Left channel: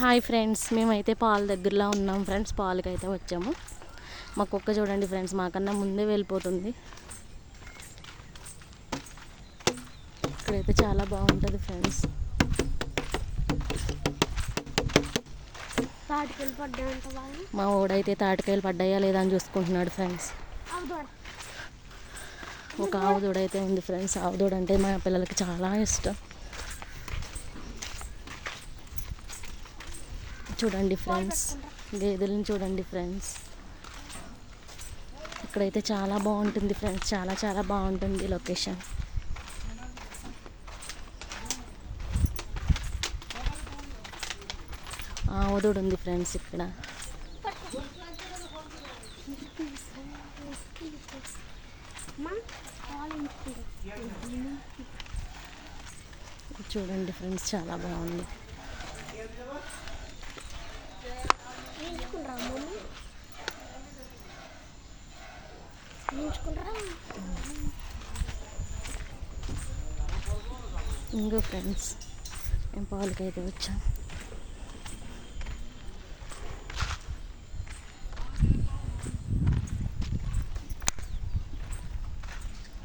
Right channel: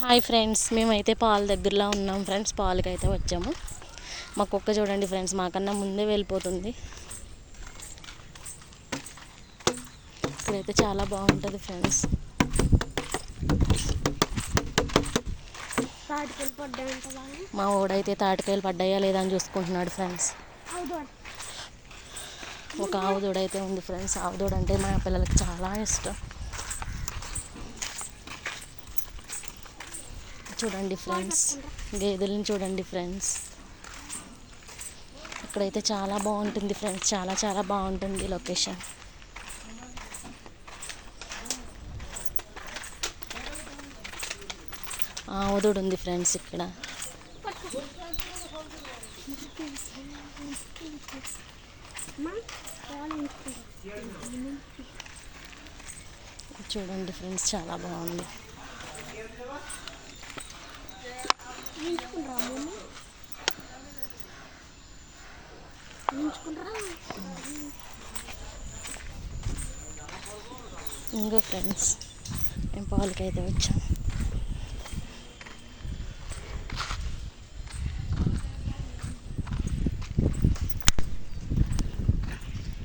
Hi friends, మేమైతే పాల దగ్గరలో ఉన్నాం ఫ్రెండ్స్. పాలకైతే వచ్చాము. మా కుక్క చూడండి ఫ్రెండ్స్, మాకన్నా ముందే వెళ్ళిపోతుంది. ఇక్కడైతే చాలా బాగుంటుంది ఫ్రెండ్స్. మా ఓడైతే తాటికాయలు పడ్డాయా లేదా అని చూసుకుంటున్నాడు ఫ్రెండ్స్. ఒక ఆవు దూడైతే ఉంది ఫ్రెండ్స్. ఆవు దూడ అంటే మా పిల్లలకి చాలా ఇష్టం. చూడండి ఫ్రెండ్స్, గేదెలను చూడండి ఫ్రెండ్స్. ఇక్కడైతే చాలా బాగుంటుంది ఫ్రెండ్స్, చాలా చాలా బాగుంటుంది లొకేషన్. ఆవుదూడు ఉంది ఫ్రెండ్స్ ఇక్కడ. చూడండి ఫ్రెండ్స్, చాలా బాగుంది. ఇంకో ఫ్రెండ్స్, మేము పాలకైతే వచ్చాం.